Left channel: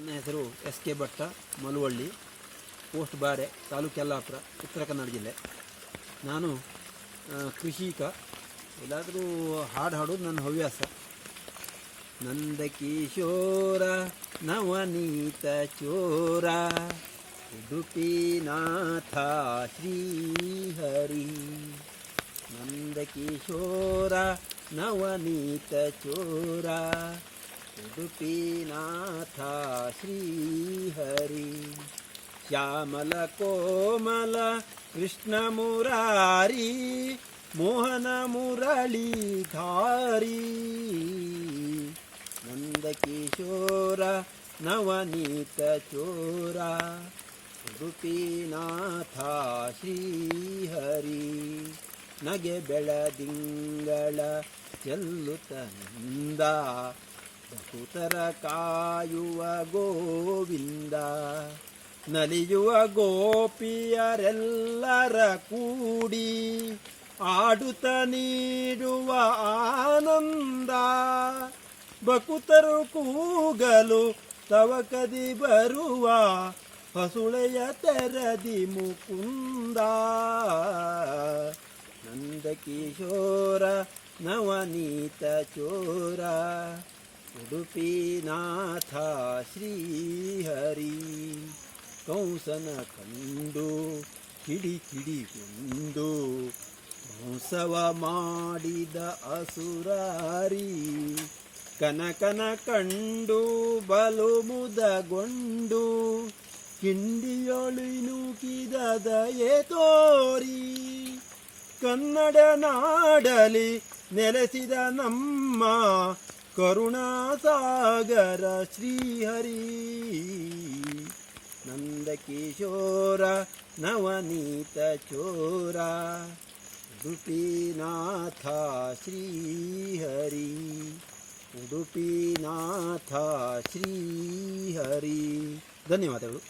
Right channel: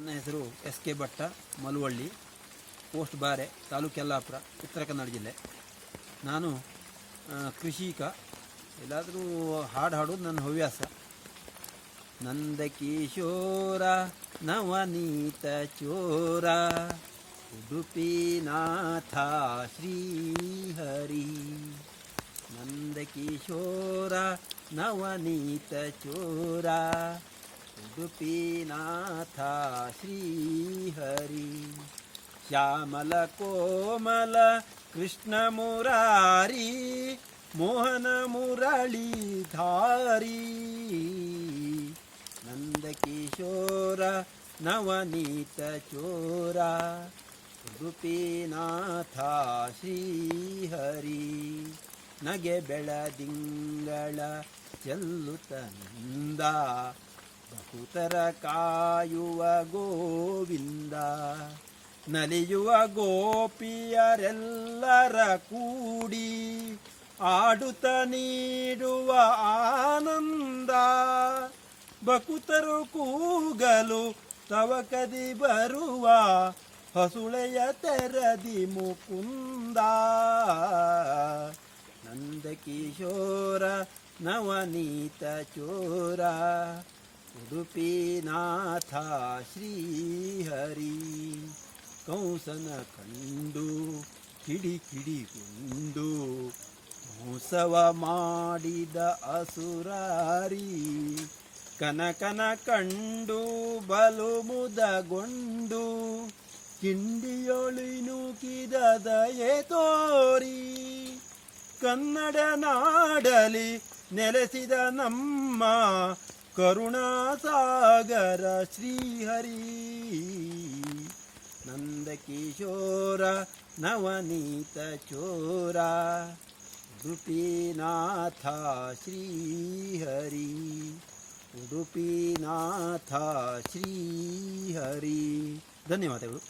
ನನ್ನ ಹೆಸರು S K Bhatta, Maluvalli, post Bare, taluk Yellapur, Uttara Kannada ಜಿಲ್ಲೆ. ನಾನು ಕೃಷಿಕ ಎಲ್ಲಾದರೂ ಹಾಡು ಹಾಡೋದು ನನ್ನ ಹವ್ಯಾಸ. ನಂದ ಕಿಶೋರ, ನವನೀತ ಚೋರ. ಉಡುಪಿನಾಥ ಶ್ರೀಹರಿ. ನಂದ ಕಿಶೋರ, ನವನೀತ ಚೋರ. ಉಡುಪಿನಾಥ ಶ್ರೀಹರಿ. ಶ್ಯಾಮಲ ಕೋಮಲ ಕೃಷ್ಣ ಮುರಾರಿ, ಮೋಹನ ಮುರಳೀಧಾರಿ ನಂದಕಿಶೋರ ನವನೀತ ಚೋರ, ಉಡುಪಿನಾಥ ಶ್ರೀಹರಿ. ನಗೆ ಬೆಳದಿಂಗಳ ಚೆಲ್ಲುತ್ತ ನಿಂದ ಬಹುತರ ಕಾಯುವ ಗೋವಿಂದ, ನಲಿಯುವ ಗೋಪಿಯರೆಲ್ಲರ ಕೂಡಿ, ಆಡುತ್ತ ನೀಡುವ ಆನಂದ. ಬಕುತರು ಕೂಗಲು ತವಕದಿ ಬರುವ, ಹಸುಳೆಯ ತೆರದಿ ಮುಕುಂದ. ನಂದಕಿಶೋರ ನವನೀತ ಚೋರ ಉಡುಪಿನಾಥ ಶ್ರೀಹರಿ ಕಂಸನ ಕಂಡು, ಕಿಡಿ ಕಿಡಿಗೊಂಡು ಮೋಸವ ಮಾಡಿದ ಅಸುರಾರಿ, ಕನಕನ ಕಂಡು, ಬಲು ಮುದಗೊಂಡು ಕಿಂಡಿಯೊಳಿನುಕಿದ ದಯೆ ತೋರಿ, ಕನ್ನಡ ನಾಡಲಿ ನೆಲೆಸಿದ ನಮ್ಮ ಕರುಣಾಸಾಗರ ಶ್ರೀಹರಿ ನಂದಕಿಶೋರ ನವನೀತ ಚೋರ ಉಡುಪಿನಾಥ ಶ್ರೀಹರಿ ಉಡುಪಿನಾಥ ಶ್ರೀಹರಿ ಧನ್ಯವಾದಗಳು